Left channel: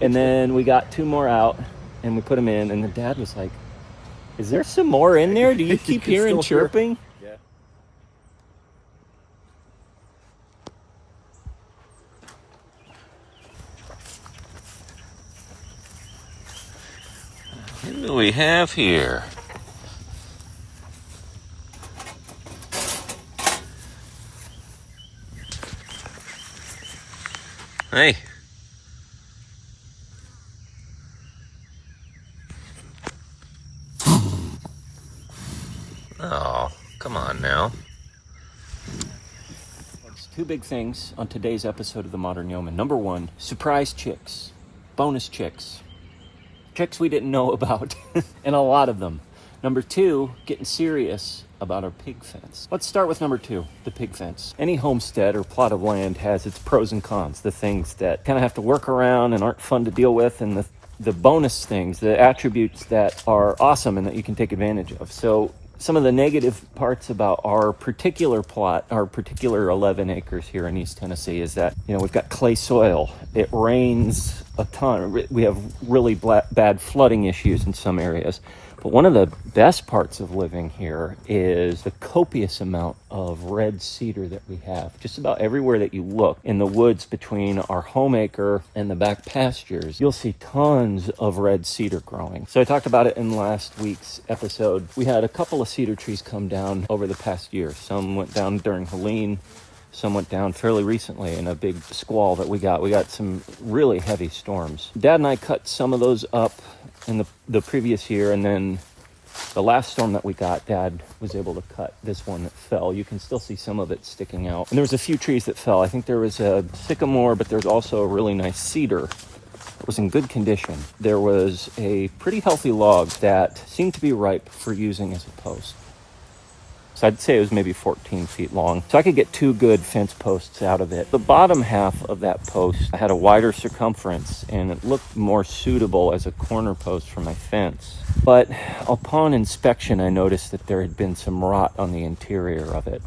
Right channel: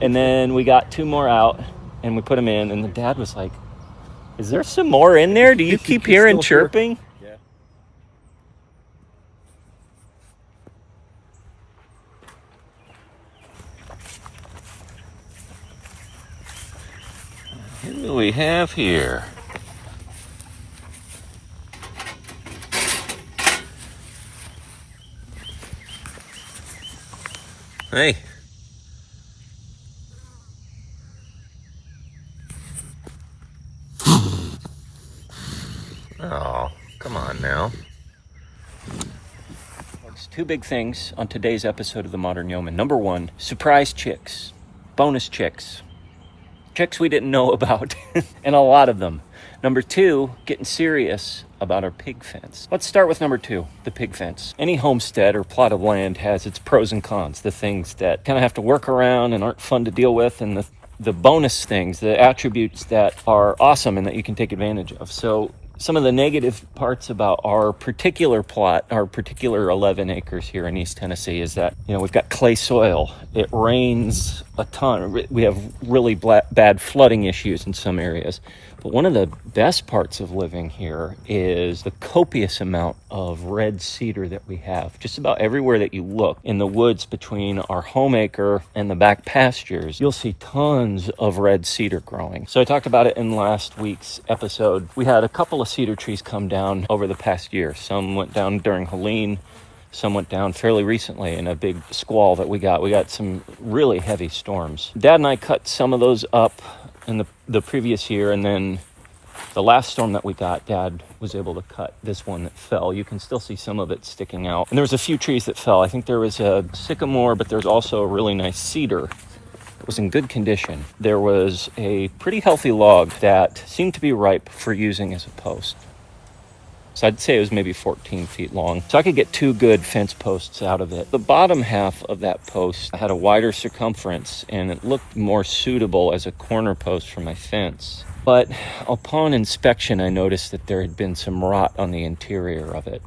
And then we got 2 more out and we put them in, and the dad was like, is there some more in there? Do you keep hearing chirping? Yeah. What do we have here? Hey. Oh, come on now. There's 2 big things on today's episode of The Modern Yeoman. Number 1, surprise chicks, bonus chicks we didn't know about, and a lot of them. Number 2, getting serious about our pig fence. Let's start with number 2, the pig fence. Any homestead or plot of land has its pros and cons, the things that kind of have to work around and aren't fun to deal with, and the bonus things, the attributes that are awesome and that you can take advantage of. So some of the negative parts about our particular plot, our particular 11 acres here in East Tennessee, is that, we've got clay soil. It rains a ton. We have really bad flooding issues in some areas. But one of the best parts of living here is the copious amount of red cedar that we have. Just about everywhere that you look in the woods between our home acre and the back pastures, you'll see tons of red cedar growing. So I talked about it in last week's episode. We had a couple of cedar trees come down over the past year. Some went down during Helene. Some went down fairly recently in a big squall that we got. We got some really heavy storms. Dad and I cut some of those up in the previous year, and then the last storm that we got, Dad was able to cut this one that fell. You can still see some of it sticking out. And there was a few trees that fell. I think there was a sycamore, but there's also a really nice cedar. It was in good condition. There was a pretty healthy log that seemed to be ripe for using as a post. So I'd say it was maybe 14 feet long. So I could get 2 good fence posts out of it. The bottom half of that post had a wider circumference, and it looked more suitable as a corner post for my fence. But upon inspection, I noticed that there had been some rot on the interior of it.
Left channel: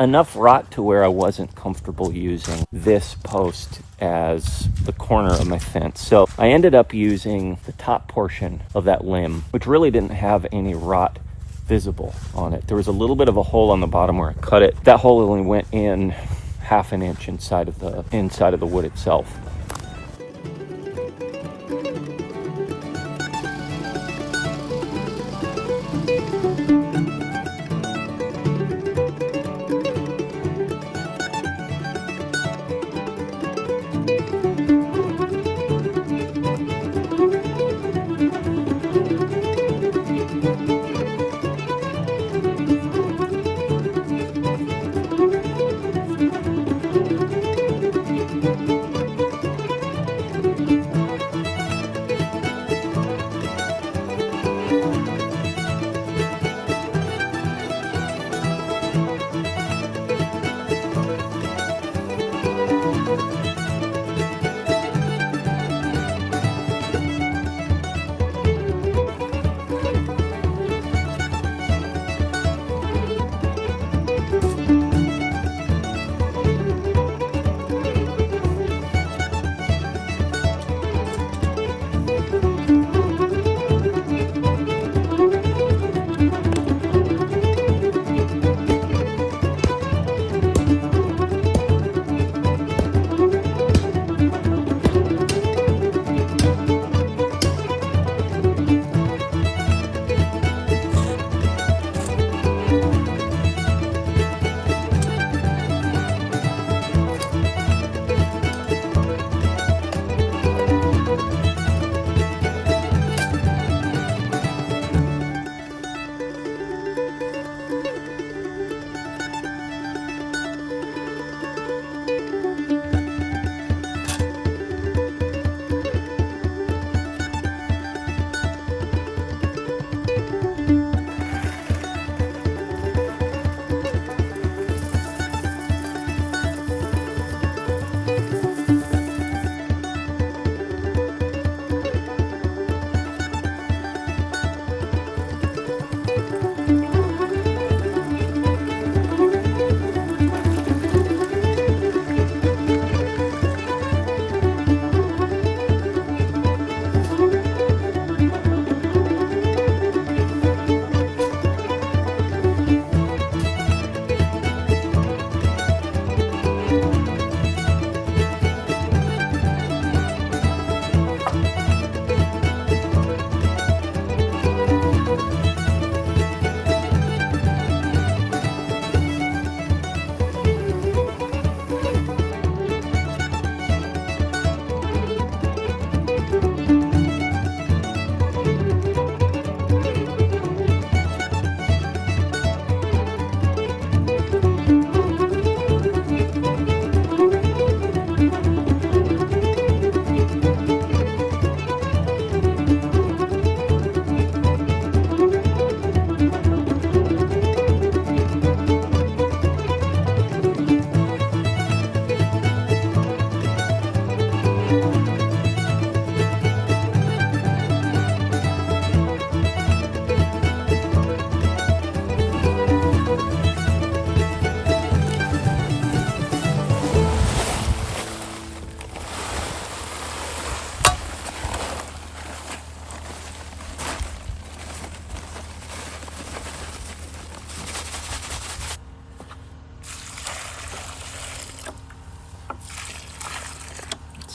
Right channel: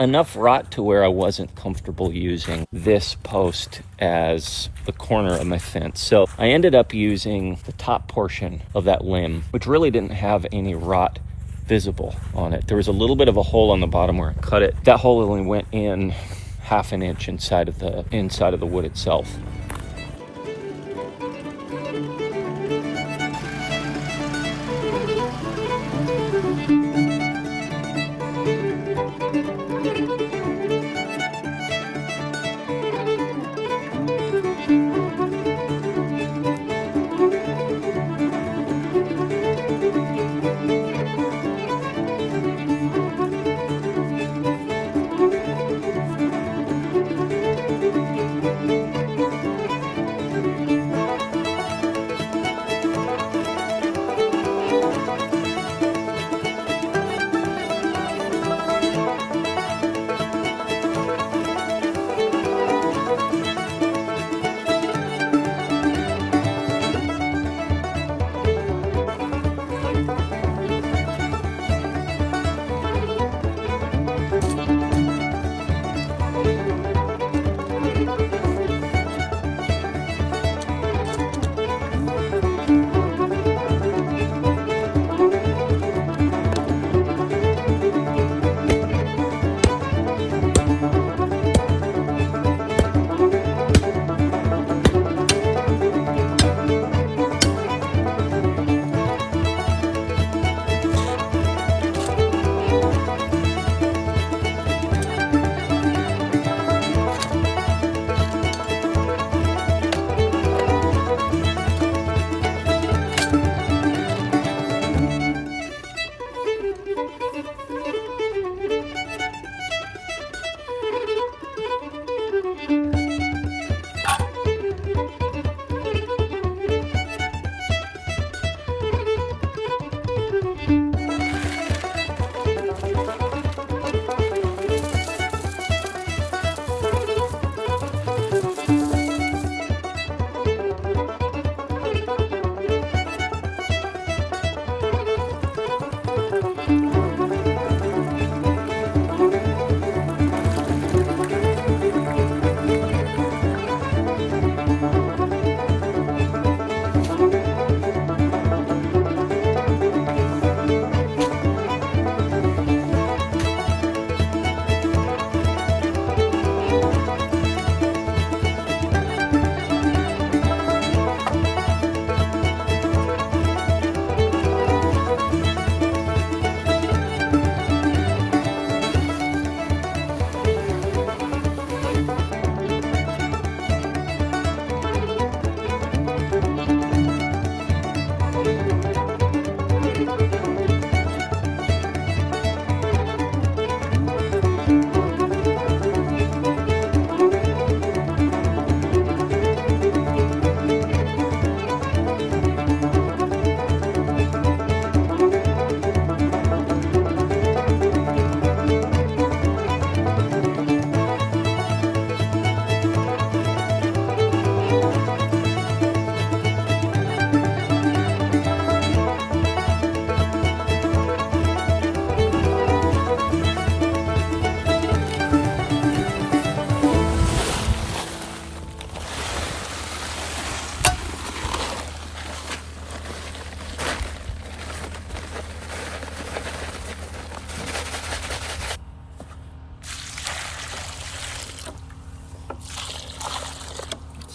Enough rot to where I wasn't comfortable using this post as the corner of my fence. So I ended up using the top portion of that limb, which really didn't have any rot visible on it. There was a little bit of a hole on the bottom where I cut it. That hole only went in half an inch inside of the wood itself.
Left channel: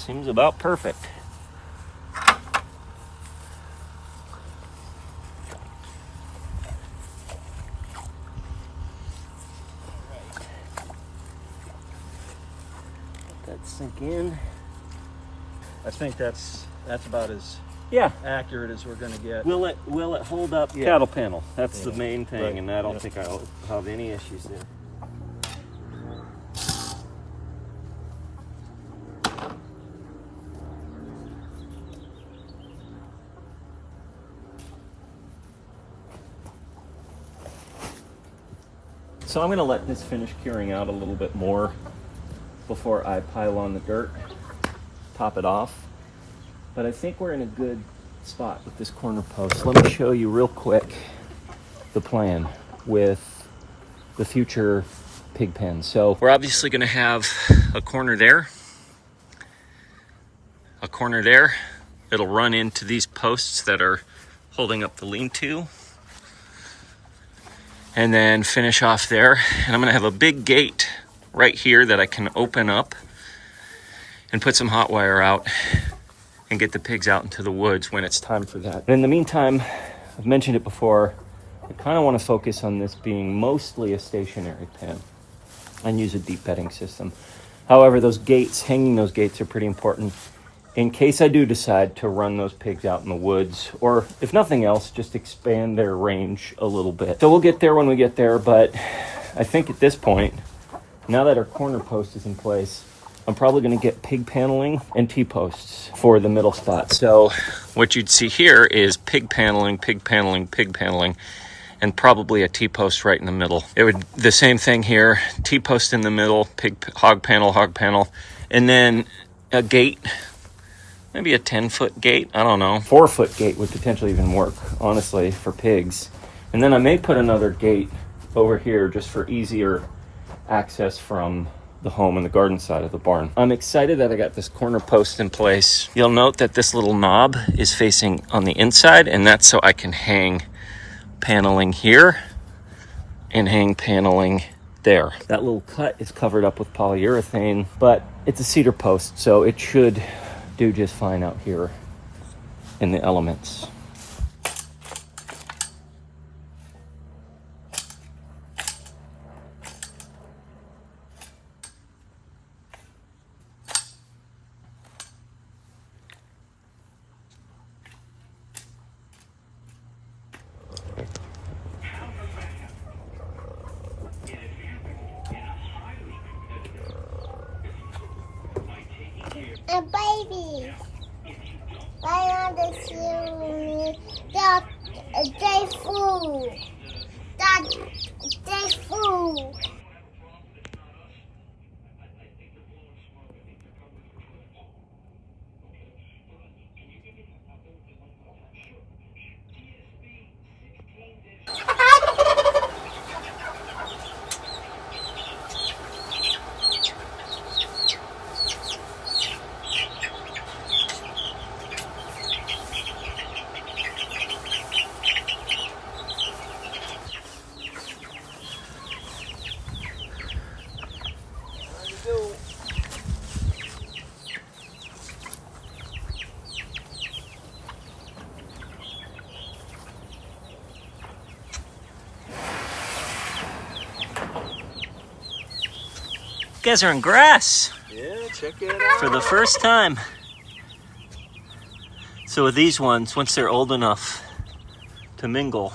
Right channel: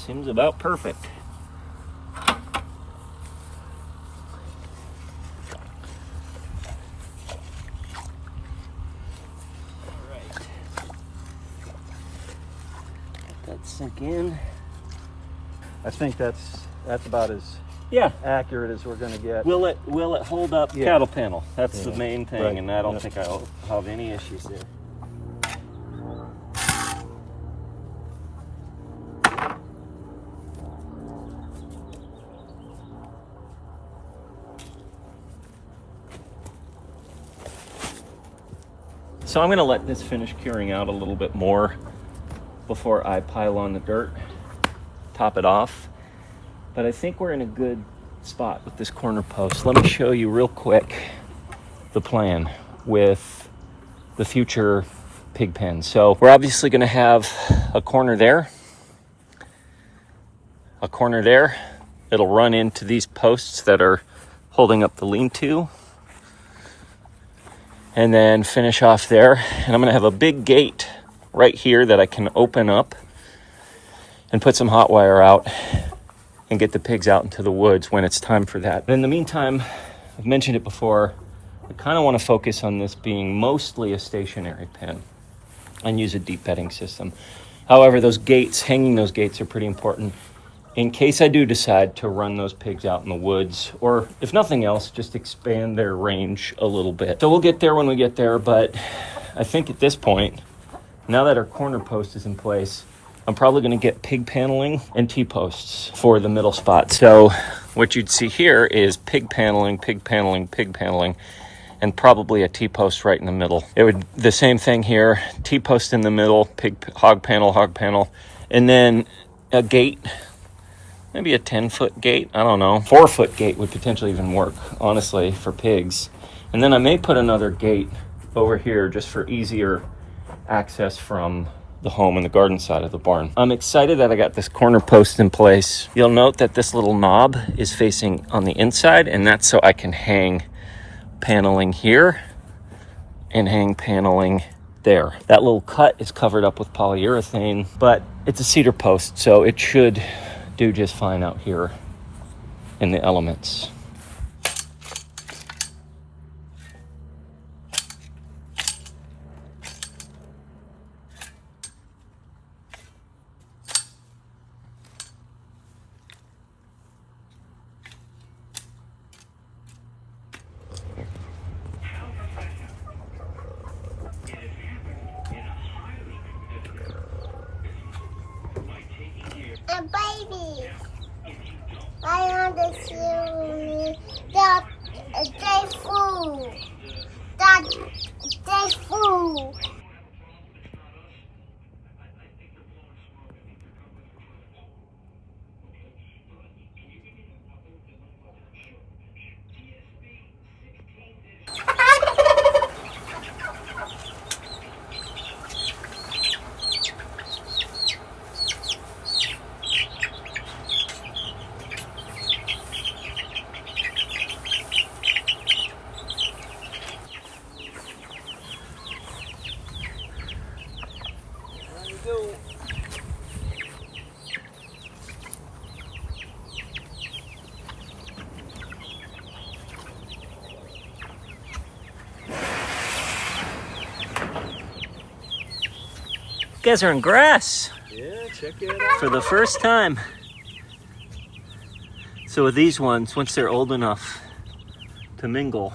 seems about perfect. That sink in. I think that's about as Yeah, accurate as we're going to get. will it hold up cattle panel? That's the main thing, Right. and I don't think I'll have any issues there. So I'm going to let this finish curing out a little bit more before I pile on the dirt, top it off. But I think we're in a good spot with this corner post. Let me show you real quick the plan with the future pig pen. So we're obviously going to have a corner there, a corner there. It'll run into these posts that are holding up the lean-to, and then finish off there. And I'm going to have a big gate right here that I can open up and put some hot wire out and get the pigs out into the woods when it's time for that. But in the meantime, I've mentioned it before, I kind of want to focus on this being mostly a stationary pen and use a deep bedding system. However, those gates, hanging those gates are pretty important in case I do decide to run those pigs out in the woods, or if nothing else, just expand their range a little bit. So we'll get there when we get there, but I think at this point, now that our corner post is in place, I'm probably going to get pig paneling and T-posts for the middle spot. So what you'd see here is pig paneling, pig paneling, pig paneling, and probably a T-post right in the middle. It would the same thing here, T-post in the middle, hog panel, and then a gate, maybe a 10-foot gate, I don't know. 4-foot gate would potentially even work, honestly, for pigs. And then I may put another gate over here just for easier access from the home and the garden side of the barn. I'm excited that I got this corner post in place. You'll note that this little knob is facing on the inside, and that's so I can hang paneling here and hang paneling there. That little cut is covered up with polyurethane, but it's a cedar post, so it should do just fine out here in the elements. A baby. I understand that they fool. That they fool. You guys are in grass Yeah, check it out. for the first time. So with these ones, once they're old enough to mingle,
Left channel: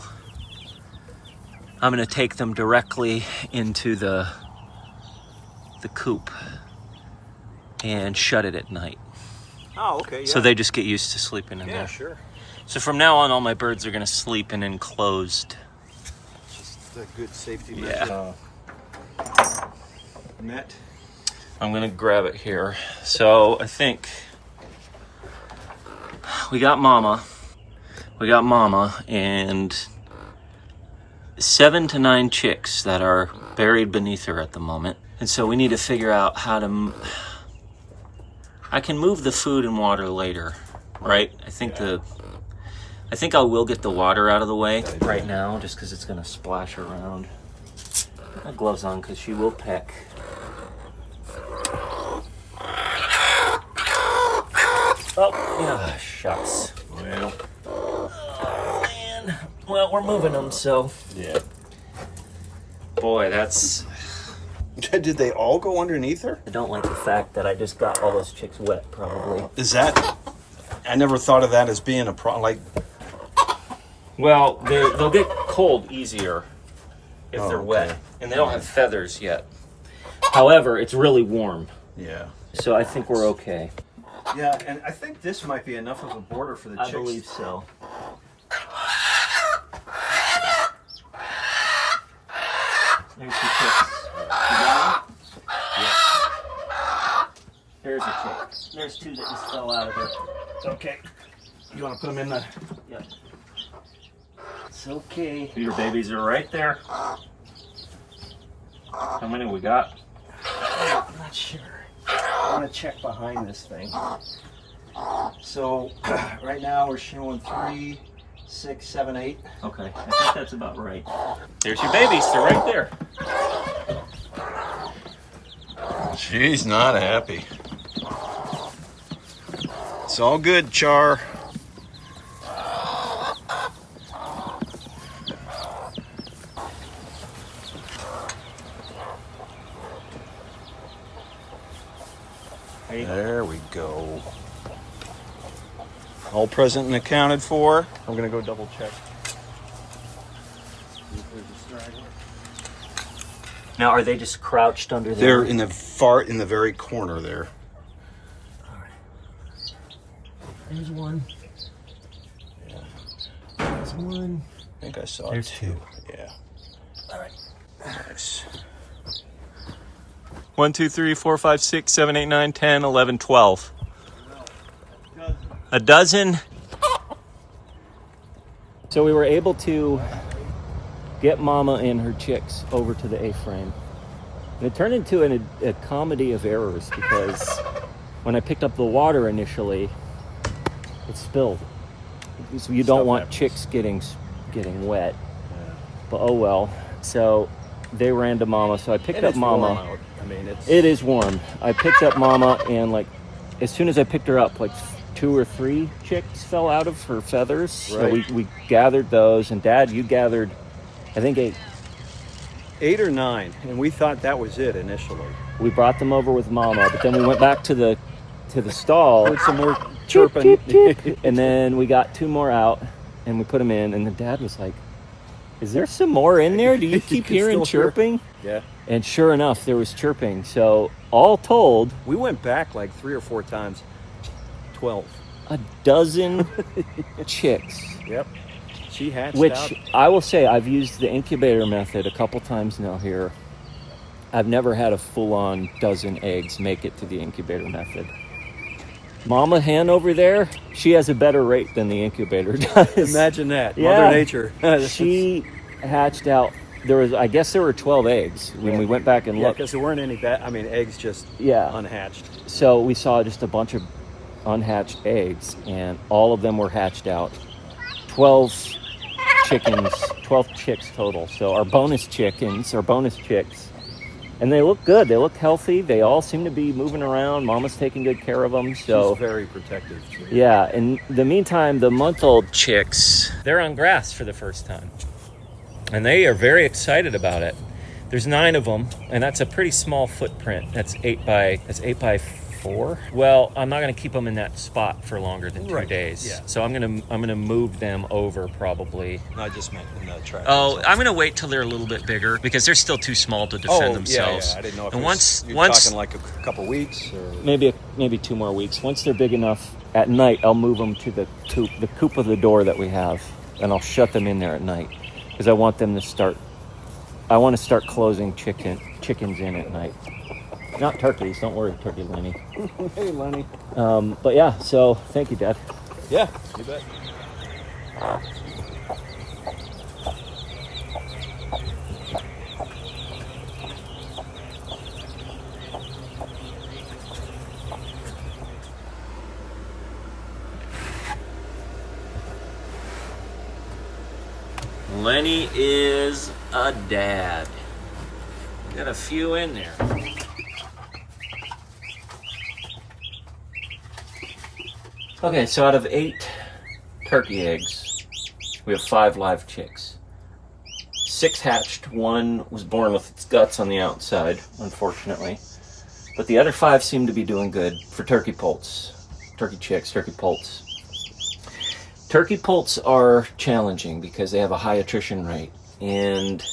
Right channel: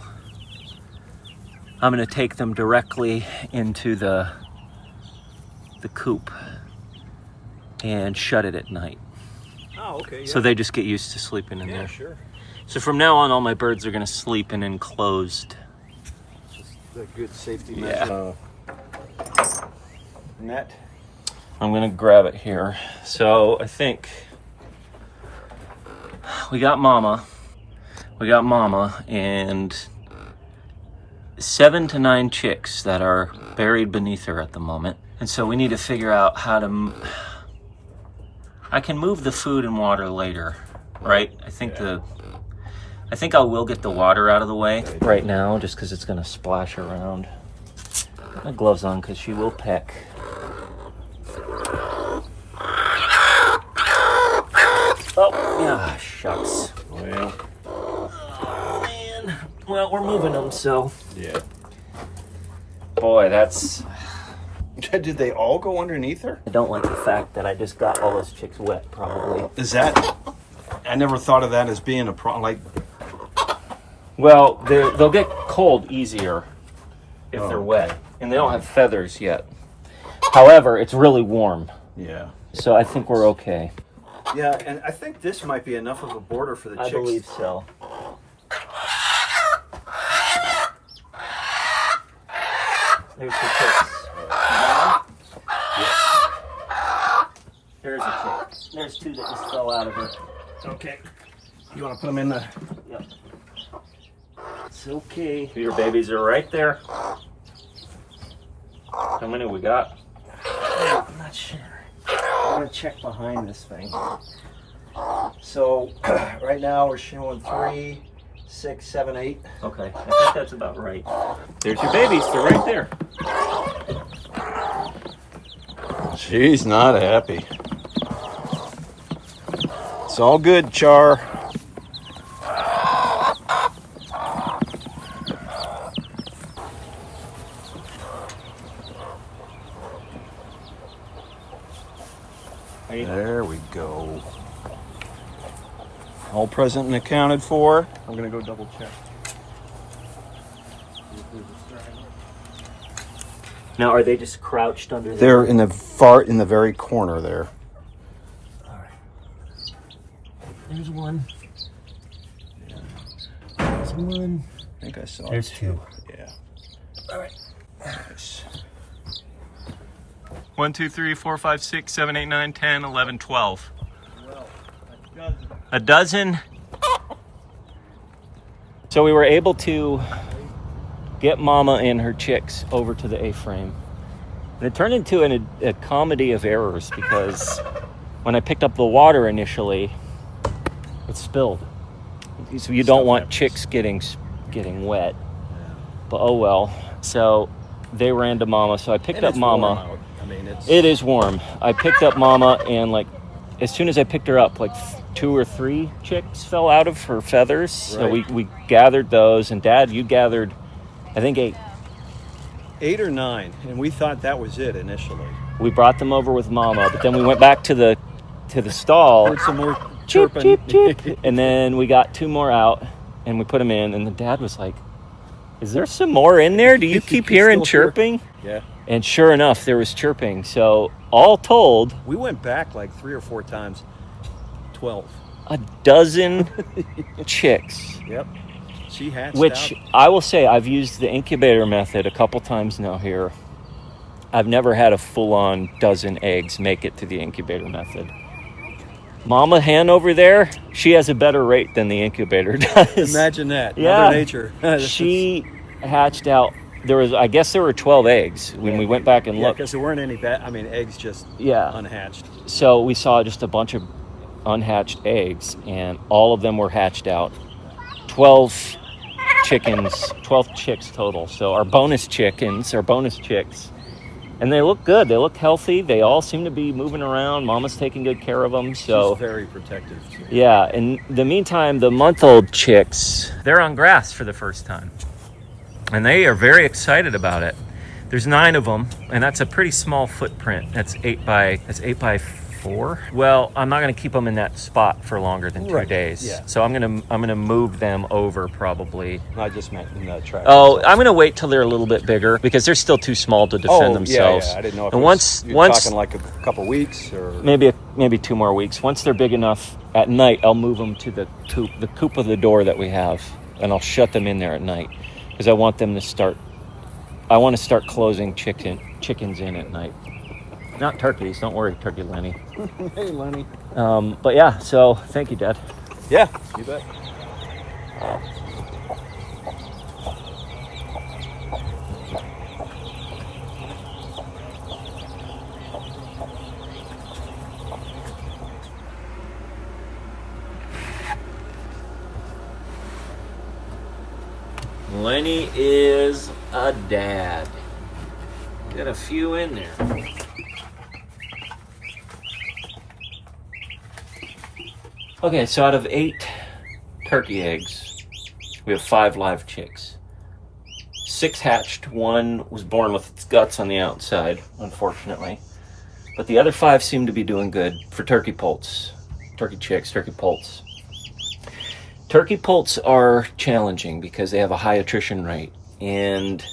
I'm gonna take them directly into the coop and shut it at night. Oh, okay. Yeah. So they just get used to sleeping in yeah, there. sure. So from now on, all my birds are gonna sleep in enclosed. Just a good safety Yeah. net. I'm gonna grab it here. So I think we got Mama and 7 to 9 chicks that are buried beneath her at the moment. And so we need to figure out how to, I can move the food and water later, right? I think I will get the water out of the way right now just because it's gonna splash around. Put my gloves on because she will peck. Oh, yeah, shucks. Well, Oh, man. Well, we're moving them, so. yeah. Boy, that's... Did they all go underneath her? I don't like the fact that I just got all those chicks wet, probably. Is that? I never thought of that as being a problem. Like, Well, they'll get cold easier if Oh, they're okay. wet. And they don't have feathers yet. However, it's really warm. yeah. So I think we're okay. Yeah, and I think this might be enough of a border for the I chicks. believe so. There's the chicks. There's a chick. There's two that just fell out of her. It's okay. You want to put them in the? Yep. It's okay. Your babies are right there. How many we got? I'm not sure. I'm gonna check behind this thing. So right now we're showing 3, 6, 7, 8. Okay, I think that's about right. There's your babies. They're right there. She's not happy. It's all good, Char. There we go. All present and accounted for. I'm gonna go double check. Now, are they just crouched under there? They're in the very corner there. All right. There's one. Yeah. There's one. I think I saw There's two. Yeah. All right. Nice. 1, 2, 3, 4, 5, 6, 7, 8, 9, 10, 11, 12. A dozen. So we were able to get Mama and her chicks over to the A-frame. And it turned into a comedy of errors because when I picked up the water initially, it spilled. So you don't want chicks getting wet. But oh well. So they ran to Mama. So I picked up Mama. I mean, It is warm. I picked up Mama, and like as soon as I picked her up, like 2 or 3 chicks fell out of her feathers. So Right. we gathered those, and Dad, you gathered, I think 8. 8 or 9, and we thought that was it initially. We brought them over with Mama, but then we went back to the stall. Heard some more Chip, chirping. chip, chip. And then we got 2 more out, and we put them in, and the Dad was like, "Is there some more in there? Do you keep hearing Still hear- chirping?" Yeah. And sure enough, there was chirping. So all told, We went back like 3 or 4 times. 12. a dozen chicks. Yep. She hatched Which out. I will say, I've used the incubator method a couple times now here. I've never had a full-on dozen eggs make it to the incubator method. Mama hen over there, she has a better rate than the incubator does. Imagine that. Yeah. Mother Nature. She hatched out. I guess there were 12 eggs when we went back and Yeah, looked. because there weren't any eggs just Yeah. unhatched. So we saw just a bunch of unhatched eggs, and all of them were hatched out. 12 chickens, 12 chicks total. So our bonus chicks, and they look good. They look healthy. They all seem to be moving around. Mama's taking good care of them. So She's very protective. yeah. In the meantime, the month-old chicks, they're on grass for the first time, and they are very excited about it. There's 9 of them, and that's a pretty small footprint. That's 8 by 4. Well, I'm not going to keep them in that spot for longer than 2 Right, days. yeah. So I'm gonna move them over probably. I just meant in the track. Oh, I'm gonna wait till they're a little bit bigger because they're still too small to defend themselves. Yeah. I didn't know if And it was- once you're talking like a couple weeks or maybe 2 more weeks. Once they're big enough, at night I'll move them to the coop of the door that we have, and I'll shut them in there at night because I want them to start. I want to start closing chickens in at night. Not turkeys. Don't worry, Turkey Lenny. Hey, Lenny. But yeah. So thank you, Dad. Yeah, you bet. Lenny is a dad. Got a few in there. Okay, so out of 8 turkey eggs, we have 5 live chicks. 6 hatched, 1 was born with its guts on the outside, unfortunately. But the other 5 seem to be doing good for turkey poults. Turkey chicks, turkey poults. Turkey poults are challenging because they have a high attrition rate. And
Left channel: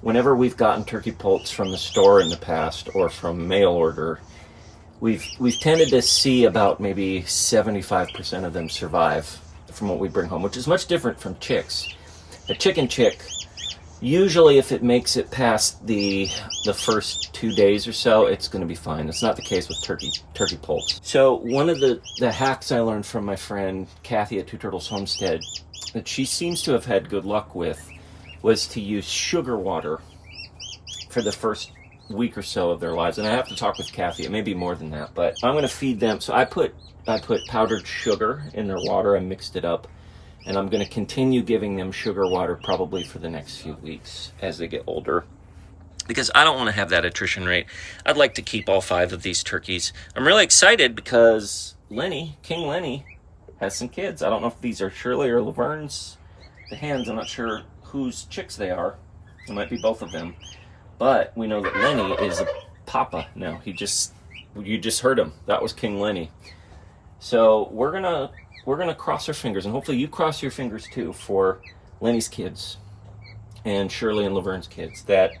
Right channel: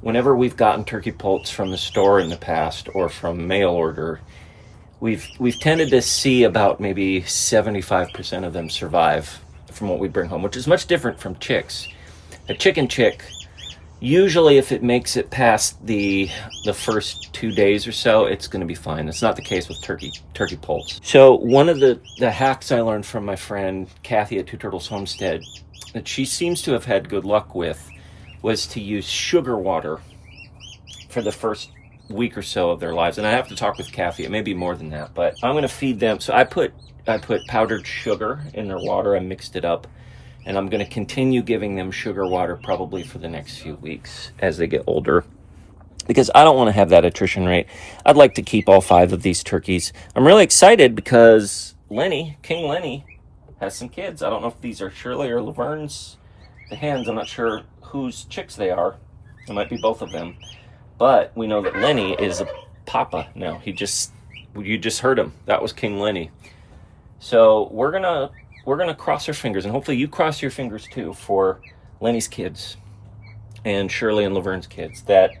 whenever we've gotten turkey poults from the store in the past or from mail order, we've tended to see about maybe 75% of them survive from what we bring home, which is much different from chicks. A chicken chick, usually if it makes it past the first 2 days or so, it's going to be fine. It's not the case with turkey poults. So one of the hacks I learned from my friend Kathy at Two Turtles Homestead that she seems to have had good luck with was to use sugar water for the first week or so of their lives. And I have to talk with Kathy. It may be more than that, but I'm going to feed them. So I put powdered sugar in their water. I mixed it up. And I'm going to continue giving them sugar water probably for the next few weeks as they get older, because I don't want to have that attrition rate. I'd like to keep all 5 of these turkeys. I'm really excited because King Lenny, has some kids. I don't know if these are Shirley or Laverne's, the hens. I'm not sure whose chicks they are. It might be both of them. But we know that Lenny is a papa now. You just heard him. That was King Lenny. So we're gonna cross our fingers, and hopefully you cross your fingers too for Lenny's kids and Shirley and Laverne's kids, that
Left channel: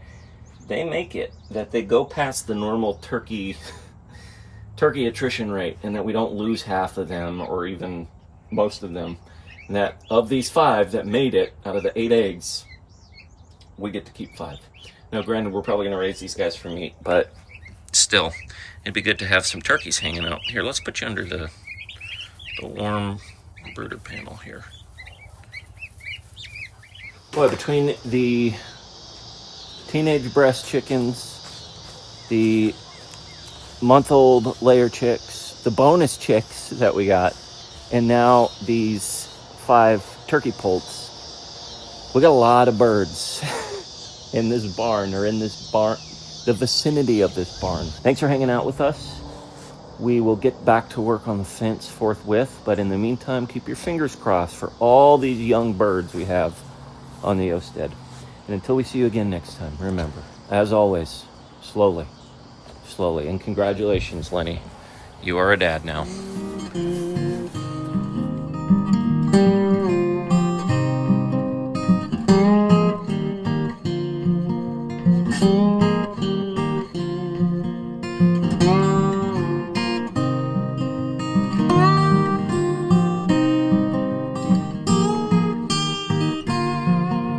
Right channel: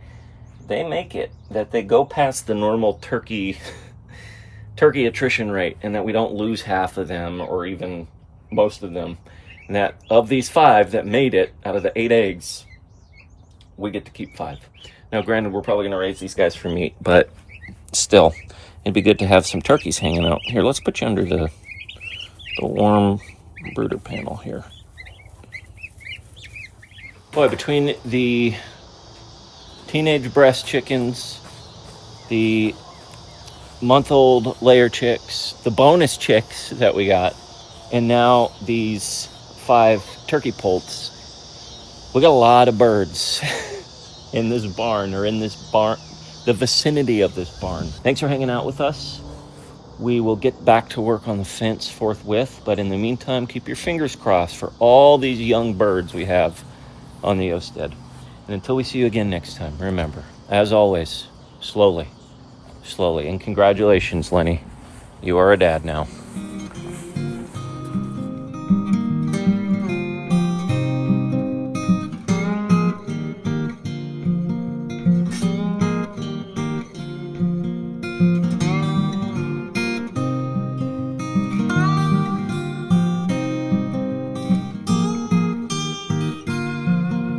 they make it, that they go past the normal turkey attrition rate, and that we don't lose half of them or even most of them. And that of these 5 that made it out of the 8 eggs, we get to keep 5. Now, granted, we're probably gonna raise these guys for meat, but still, it'd be good to have some turkeys hanging out. Here, let's put you under the warm brooder panel here. Boy, between the teenage breast chickens, the month-old layer chicks, the bonus chicks that we got, and now these 5 turkey poults, we got a lot of birds in this barn, the vicinity of this barn. Thanks for hanging out with us. We will get back to work on the fence forthwith, but in the meantime, keep your fingers crossed for all these young birds we have on the homestead. And until we see you again next time, remember, as always, slowly, and congratulations, Lenny. You are a dad now.